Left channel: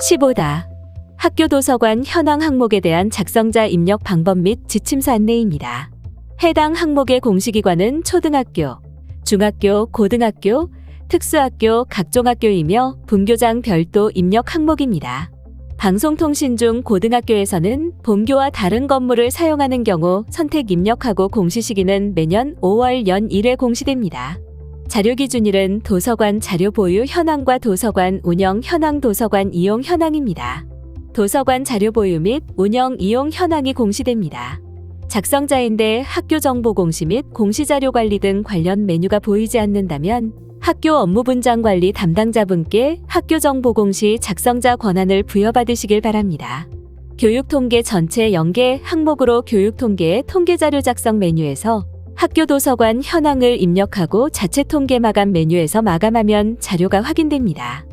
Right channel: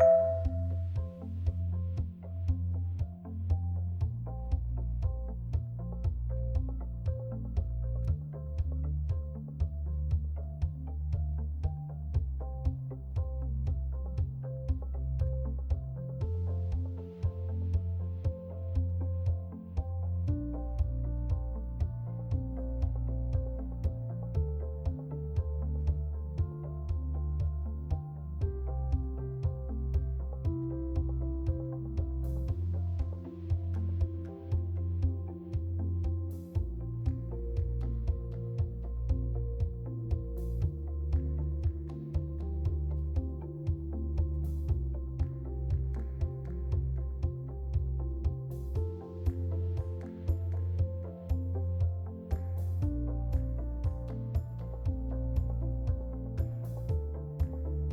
15다. 학교 도서관 현황 항목에 대한 작성자 입력 방법 및 지침서 안내입니다. 해당 항목의 공시기관은 초등학교, 중학교, 고등학교, 특수학교, 각종학교이며 분교장 별도 입력 항목입니다. 방송통신 중 고등학교에서는 본교와 다른 건물을 사용하는 경우 선택 입력하고 공시 시기는 매년 5월 연 1회 공시됩니다. 자료 기준일은 도서관 자료 보유 현황과 도서관 운영 현황 도서관 이용 현황입니다. 도서관 자료 보유 및 운영 이용 현황이 공시됩니다. 작성자인데 학교 정보 공시 및 공시자료 관리 등 관련 메뉴가 보이지 않는다면 학교 업무 분장 관리 담당자분께 학교 정보 공시 작성자 권한을 부여받으시길 바랍니다. 교육통계 전체 연계 항목으로 교육통계의 통계자료 작성 메뉴에서 학교 도서관 현황을 입력하고 자체 통계 마감 메뉴에서 마감하면 자료가 확인됩니다.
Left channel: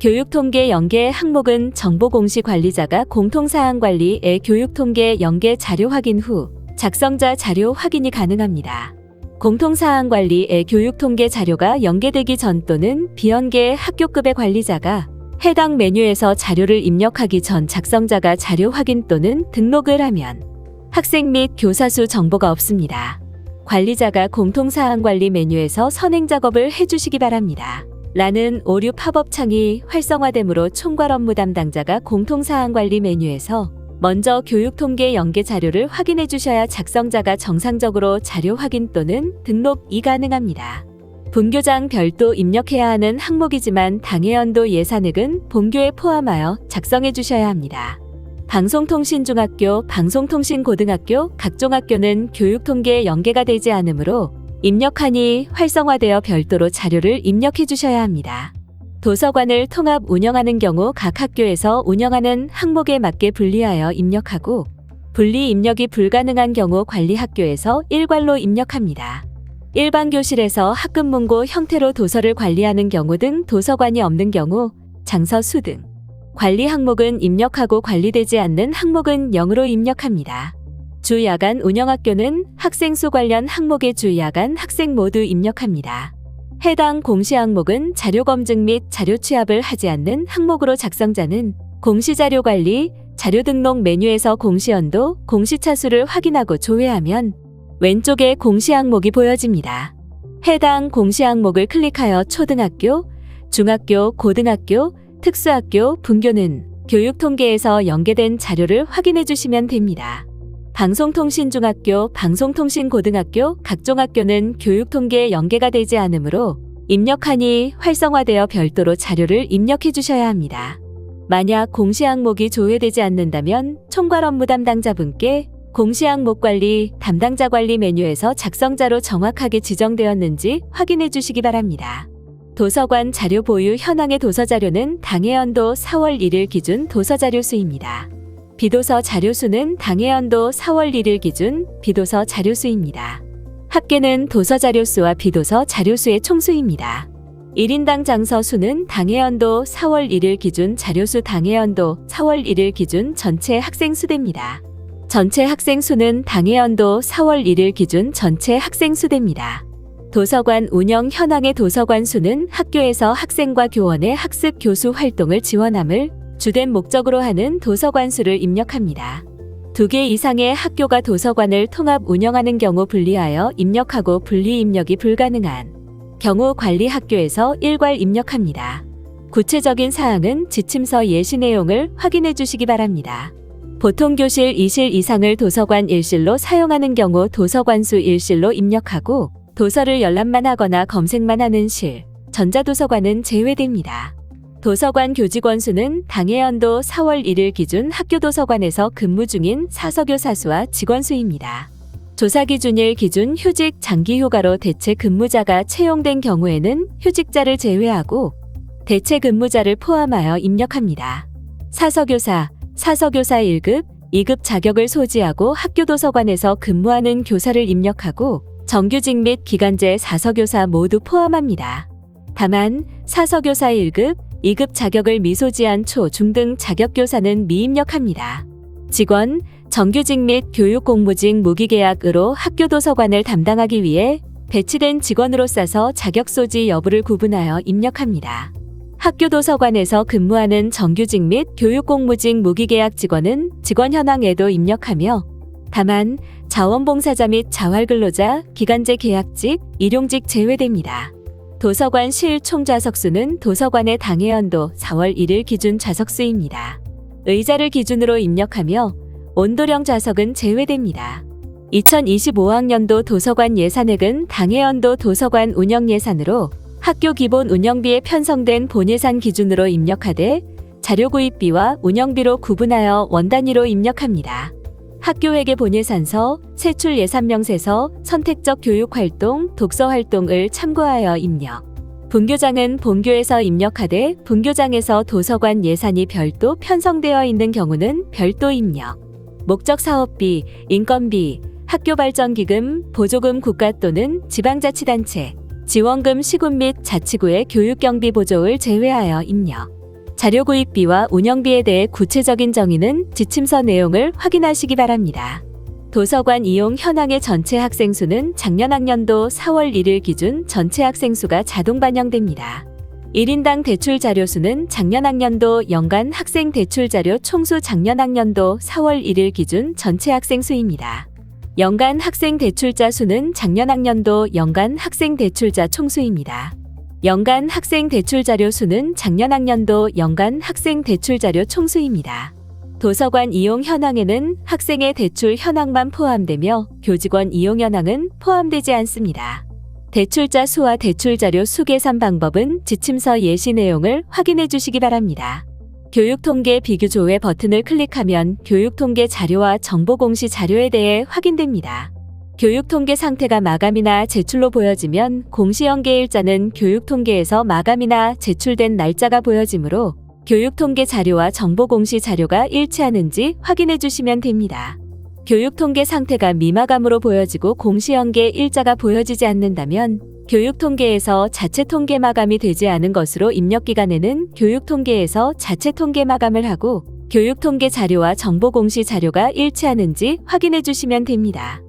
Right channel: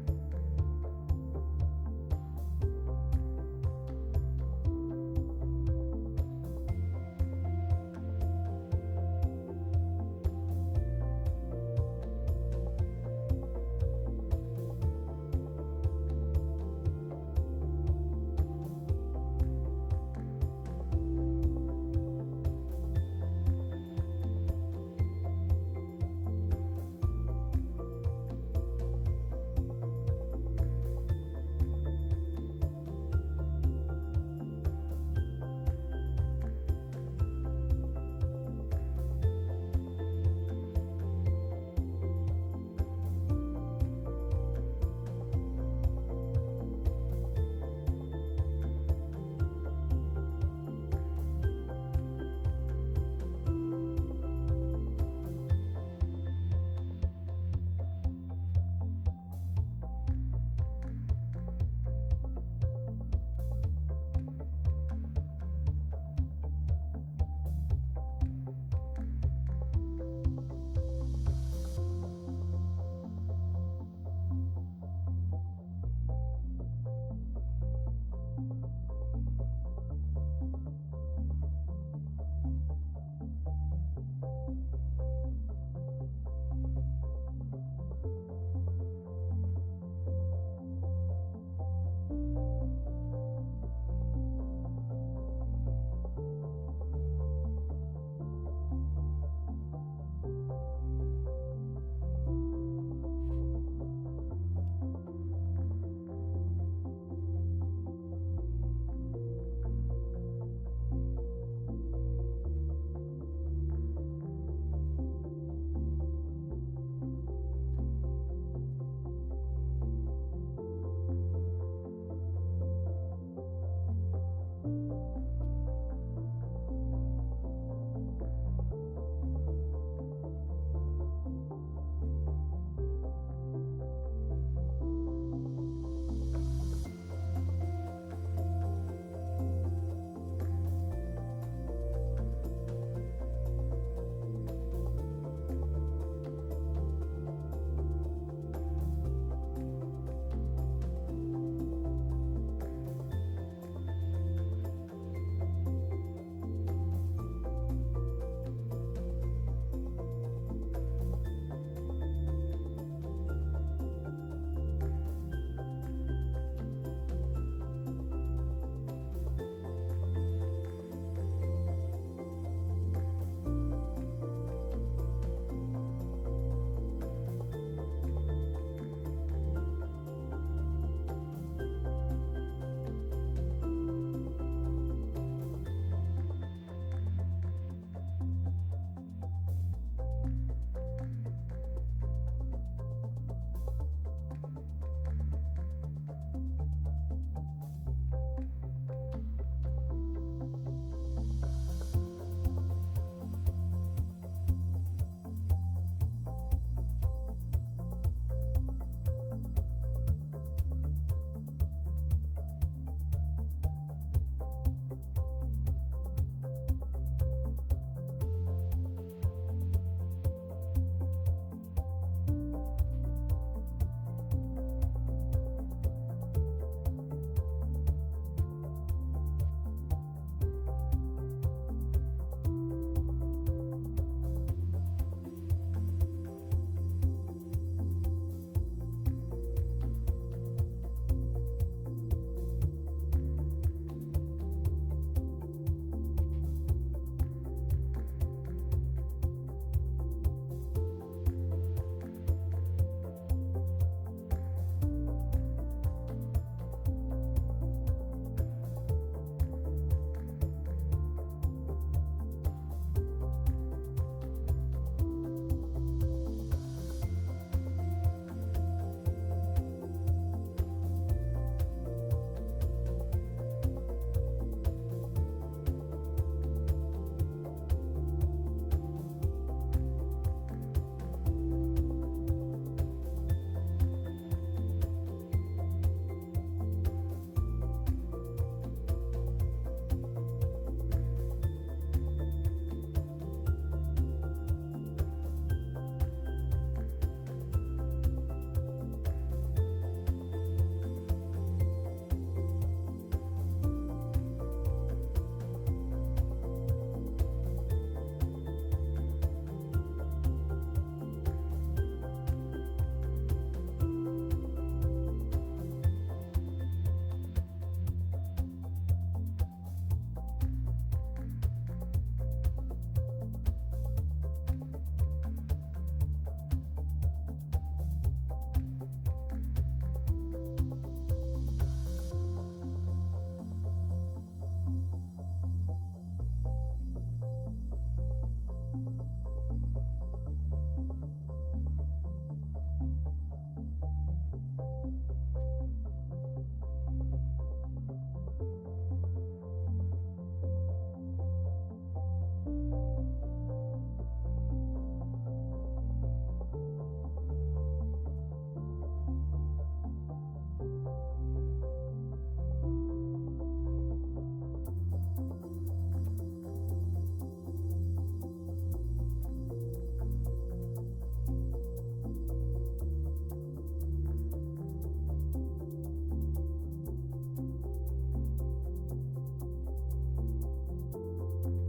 교육통계 연계 항목은 정보공시 관리자가 공통사항 관리의 교육통계 연계 자료 확인 후 작성자 자료 확인이 가능합니다. 공통사항 관리의 교육통계 자료가 연계되기 전 또는 비연계 학교급의 관리자가 해당 메뉴에서 자료를 입력하기 전 작성자가 자료 확인 또는 등록을 하면 학생 및 교사 수 정보가 없습니다. 관리자가 공통사항 관리 메뉴에서 선행 작업을 해주시기 바랍니다. 라는 오류 팝업 창이 활성화되므로 총괄 업무 담당자가 공통사항 관리 메뉴에서 먼저 교육통계 연계 자료를 확인해 주셔야 작성자가 정상적으로 자료 확인 또는 등록이 가능합니다. 분교장 별도 입력해야 하는 항목이지만 당해연도 예산액은 본교에 포함하여 작성해 주셔야 합니다. 방송통신중학교, 방송통신고등학교, 각종학교는 교육통계에 연계가 되지 않으므로 입력하니 활성화되어 별도로 자료를 입력해 주셔야 합니다. 도서관을 통합 운영하는 경우 각 학교에서 운영하는 항목에 맞게 분리하여 입력하고 분리 입력이 불가능한 경우 관리학교에서 일괄로 입력합니다. 일반 교실에서 학급문고 형태로 도서를 관리하는 경우 등 도서관이 없는 경우 장서 수 등 관리 항목은 입력하고 관리되지 않는 항목은 0으로 입력합니다. 주 야간 운영학교는 학생 수 관련 항목의 주 야간 학생 모두 입력합니다. 해당 공시 항목은 자료 검증 및 자료 취합을 하지 않는 항목으로 작성자는 공시자료 관리, 자료 등록 메뉴에서 공시연도, 공시차수를 확인하고 조회하면 왼쪽에 공시 항목이 보여집니다. 해당 공시 항목을 클릭하여 초등학교, 중학교, 고등학교, 특수학교, 분교는 교육통계에서 연계된 자료를 확인해 주시면 됩니다. 방송통신중학교, 방송통신고등학교, 각종학교는 교육통계에 연계가 되지 않으므로 입력하니 활성화되어 별도로 자료를 입력해 주셔야 합니다. 만약 공시 항목이 조회되지 않는다면 총괄 업무 담당자분께 공시 항목 관리, 담당자 관리 메뉴에서 작성자로 정확하게 지정되었는지 확인해 주시기 바랍니다. 도서관 자료 보유 현황의 도서자료는 당해연도 4월 1일 기준 도서자료 수입니다. 비도서 자료수는 당해연도 4월 1일 기준 비도서 자료수입니다. 합계는 도서 자료수와 비도서 자료수의 총수입니다. 1인당 장서 수는 당해연도 4월 1일 기준 자료수 당해연도 4월 1일 기준 전체 학생 수대입니다. 전체 학생 수는 당해연도 4월 1일 기준 전체 학생 수대입니다. 도서관 운영 현황의 도서관 수는 학교에서 학생과 교원의 학습 교수 활동을 지원함을 주된 목적으로 하는 도서관 수를 입력합니다. 2개 이상의 학교가 도서관을 통합 운영하는 경우 분리하여 입력하고 분리 입력이 불가능한 경우 관리 학교에서 일괄 입력합니다. 구체적인 사항은 지침서 예시 내용을 확인해 주시기 바랍니다. 보통 교실 2실 이상을 도서관 1실로 사용하는 경우 도서관 수 1실로 입력하고 도서를 열람만 하거나 검색만 하는 실, 전자도서관은 제외됩니다. 도서관 교직원 수는 당해연도 4월 1일 기준 학교도서관에서 근무 중인 사서교사 수와 직원 수입니다. 조사 기준일 기준 휴직 장기 휴가로 대체 근무자가 채용된 경우에는 휴직자를 제외하고 대체 근무자를 포함하여 입력합니다. 사서교사 1급, 2급 자격을 소지하고 학교도서관에서 근무하는 교사를 입력하고 정규직 및 기간제 사서교사 모두 포함합니다. 다만 사서교사 1급, 2급 자격을 미소지한 초, 중 등 자격교사는 미입력합니다. 직원, 정규직 및 교육공무직 무기계약으로 학교도서관을 담당하기 위해 배치된 직원으로 싸서 자격소지 여부를 구분하여 입력합니다. 학교 도서관에서 근무하는 정규직 및 교육공무직 무기계약 직원은 직원 현황에도 입력하며 다만 자원봉사자 및 자활근로자, 기간제 계약직, 일용직 제외됩니다. 도서관 실 총 좌석수는 도서관의 당해연도 4월 1일 기준 좌석수입니다. 의자를 기준으로 입력하며 온도령 좌석은 제외됩니다. 2025학년도 도서관 예산액은 당해연도 도서관 운영 예산으로 학교 기본 운영비에 편성된 본예산 기준으로 입력하되 자료 구입비와 운영비로 구분하여 원 단위로 입력합니다. 학교회계 본예산서, 세출 예산명세서, 선택적 교육활동, 독서활동을 참고하여 입력. 분교장은 본교에서 입력하되 분교장에서 도서관 예산이 별도 편성되어 있는 경우는 별도 입력. 목적 사업비, 인건비, 학교발전기금, 보조금 국가 또는 지방자치단체, 지원금 시군 및 자치구의 교육경비 보조를 제외하여 입력. 자료 구입비와 운영비에 대해 구체적인 정의는 지침서 내용을 확인하시기 바랍니다. 도서관 이용 현황의 전체 학생 수는 작년 학년도 4월 1일 기준 전체 학생 수가 자동 반영됩니다. 1인당 대출 자료 수는 작년 학년도 연간 학생 대출 자료 총수 작년 학년도 4월 1일 기준 전체 학생 수입니다. 연간 학생 대출자 수는 작년 학년도 연간 학생 대출자 총수입니다. 연간 학생 대출 자료 수는 작년 학년도 연간 학생 대출 자료 총수입니다. 도서관 이용 현황에는 학생의 대출 현황만 포함되며 교직원 이용 현황은 포함되지 않습니다. 대출자 수와 대출 자료 수 계산 방법은 지침서 예시 내용을 확인해 주시기 바랍니다. 교육통계 비교조회 버튼을 클릭하면 교육통계 자료와 정보공시 자료에 대해 확인됩니다. 교육통계 상태가 마감이나 제출로 보여지면 공시연계일자는 교육통계에서 마감이나 제출된 날짜가 보여지므로 교육통계 자료와 정보공시 자료가 일치하는지 확인해 주시면 됩니다. 교육통계 상태가 미마감으로 보여지고 공시연계 일자가 보여지지 않는다면 교육통계에서 자체 통계 마감이 되지 않은 것으로 입력기간에는 교육통계에서 자체 통계 마감을 하고 교육통계 자료와 정보공시 자료가 일치하는지 확인해 주시면 됩니다.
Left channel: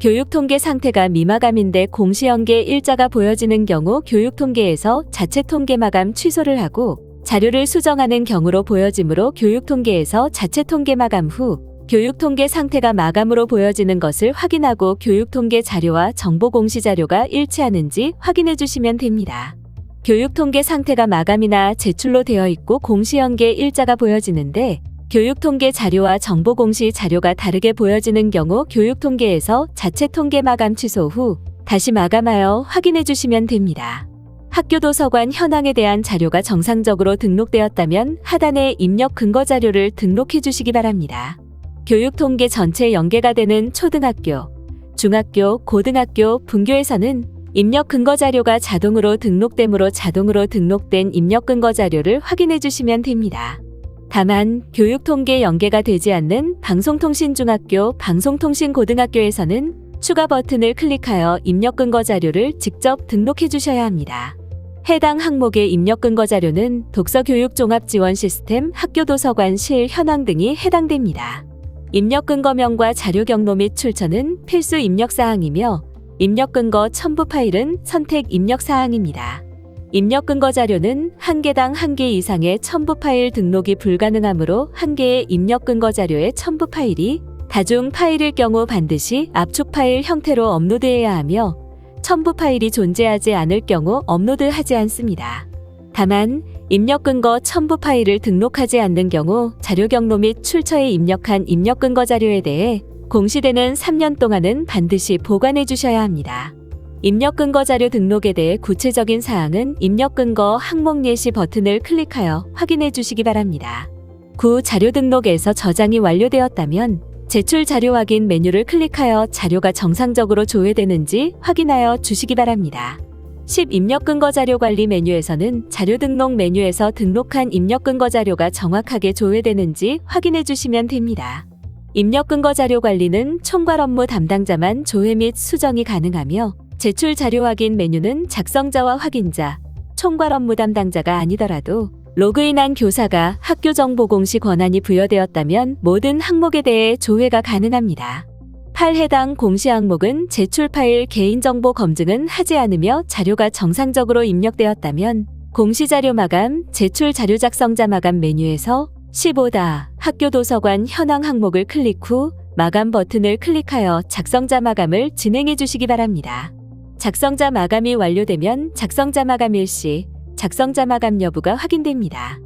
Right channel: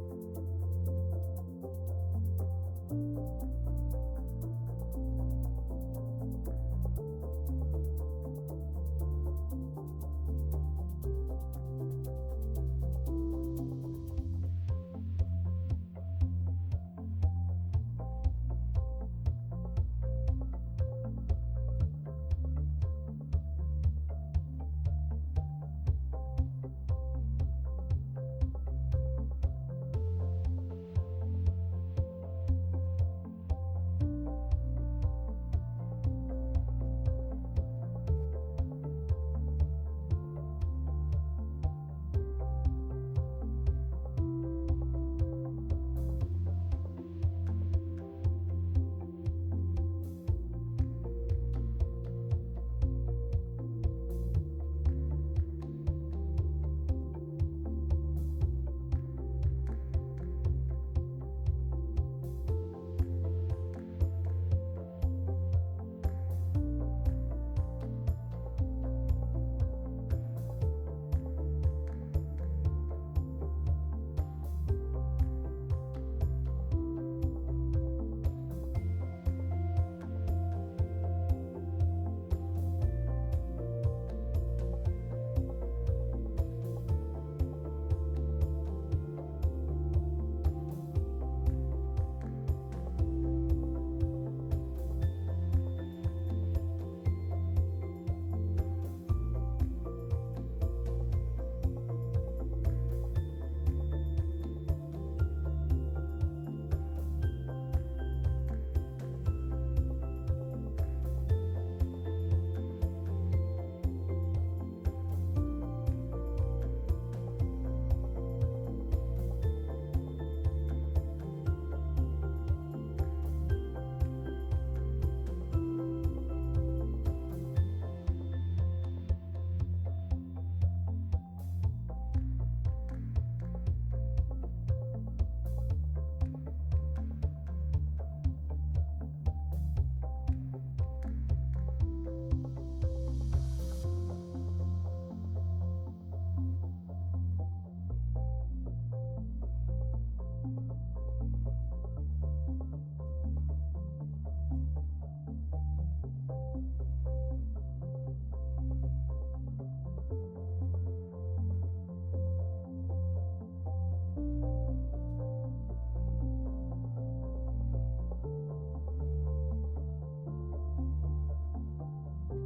교육통계 상태가 미마감인데 공시연계 일자가 보여지는 경우 교육통계에서 자체 통계 마감 취소를 하고 자료를 수정하는 경우로 보여지므로 교육통계에서 자체 통계 마감 후 교육통계 상태가 마감으로 보여지는 것을 확인하고 교육통계 자료와 정보공시 자료가 일치하는지 확인해 주시면 됩니다. 교육통계 상태가 마감이나 제출로 되어 있고 공시연계 일자가 보여지는데 교육통계 자료와 정보공시 자료가 다르게 보여지는 경우 교육통계에서 자체 통계 마감 취소 후 다시 마감하여 확인해 주시면 됩니다. 학교 도서관 현황에 대한 자료가 정상적으로 등록되었다면 하단에 입력 근거 자료를 등록해 주시기 바랍니다. 교육통계 전체 연계가 되는 초등학교, 중학교, 고등학교, 분교에서는 입력 근거 자료가 자동으로 등록되므로 자동으로 등록된 입력 근거 자료를 확인해 주시면 됩니다. 다만 교육통계 연계가 되지 않는 방송통신중학교, 방송통신고등학교에서는 추가 버튼을 클릭하여 입력 근거 자료를 직접 등록해 주셔야 합니다. 해당 항목의 입력 근거 자료는 독서교육종합지원시스템, 학교도서관 실 현황 등이 해당됩니다. 입력 근거명과 자료 경로 및 출처는 필수 입력 사항이며 입력 근거 첨부 파일은 선택 입력 사항입니다. 입력 근거 자료는 한 개당 한 개 이상의 첨부 파일 등록이 불가능하므로 한 개의 입력 근거 자료의 첨부 파일이 다중 파일일 경우 반드시 압축 파일 형태로 업로드해야 하며 첨부 파일이 존재하지 않을 경우 업로드하지 않습니다. 다만 입력 근거 첨부 파일을 등록하지 않는 경우 자료 경로 및 출처에 입력한 입력 근거 자료에 대해 공시되는 3년 동안은 반드시 보관해 주셔야 합니다. 입력 근거 자료 등록에 대해 구체적인 사항은 입력 근거 항목 예시 버튼을 클릭하여 확인해 주시기 바랍니다. 구 자료 등록에서 저장이 완료되었다면 제출 자료 확인 메뉴를 클릭하여 자료가 정상적으로 조회되는지 확인하여 주시기 바랍니다. 10 입력 근거 자료 관리 메뉴에서는 자료 등록 메뉴에서 등록한 입력 근거 자료가 정확하게 조회되는지 확인해 주시면 됩니다. 입력 근거 자료 관리는 총괄 업무 담당자만 조회 및 수정이 가능하며 제출 자료 확인 메뉴는 작성자와 확인자, 총괄 업무 담당자가 아니더라도 로그인한 교사가 학교 정보 공시 권한이 부여되었다면 모든 항목에 대해 조회가 가능합니다. 8 해당 공시 항목은 제출 파일 개인정보 검증은 하지 않으며 자료가 정상적으로 입력되었다면 공시자료 마감, 제출 자료 작성자 마감 메뉴에서 15다 학교 도서관 현황 항목을 클릭 후 마감 버튼을 클릭하여 작성자 마감을 진행해 주시기 바랍니다. 작성자 마감이 완료되면 작성자 마감 일시, 작성자 마감 여부가 확인됩니다.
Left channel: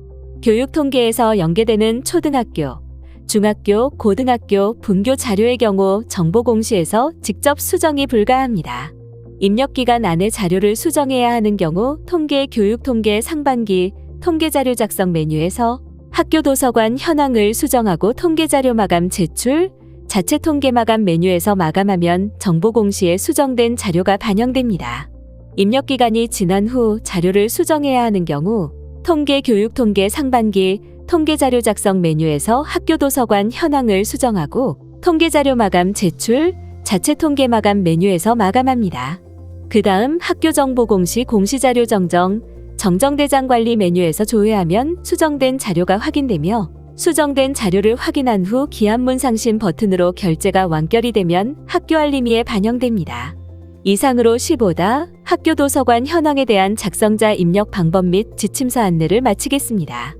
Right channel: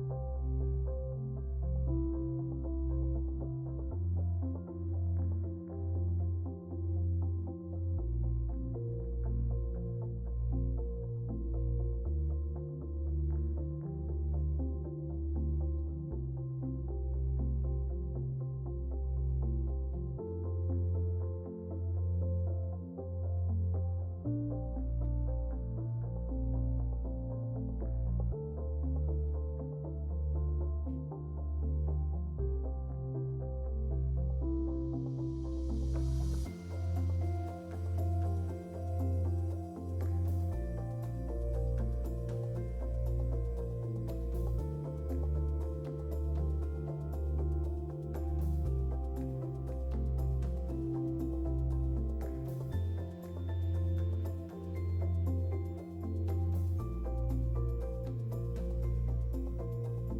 교육 통계에서 연계되는 초등학교, 중학교, 고등학교 분교 자료의 경우 정보 공시에서 직접 수정이 불가합니다. 입력기간 안에 자료를 수정해야 하는 경우 통계 교육 통계 상반기 통계자료 작성 메뉴에서 학교 도서관 현황을 수정하고 통계자료 마감 제출, 자체 통계 마감 메뉴에서 마감하면 정보 공시에 수정된 자료가 반영됩니다. 입력기간이 지난 후 자료를 수정해야 하는 경우 통계 교육 통계 상반기 통계자료 작성 메뉴에서 학교 도서관 현황을 수정하고 통계자료 마감 제출, 자체 통계 마감 메뉴에서 마감합니다. 그 다음 학교 정보 공시 공시자료 정정대장 관리 메뉴에서 조회하면 수정된 자료가 확인되며 수정된 자료를 확인한 후 기한문 상신 버튼으로 결제가 완결이 되면 학교 알림이에 반영됩니다. 이상으로 15다 학교 도서관 현황에 대한 작성자 입력 방법 및 지침서 안내를 마치겠습니다.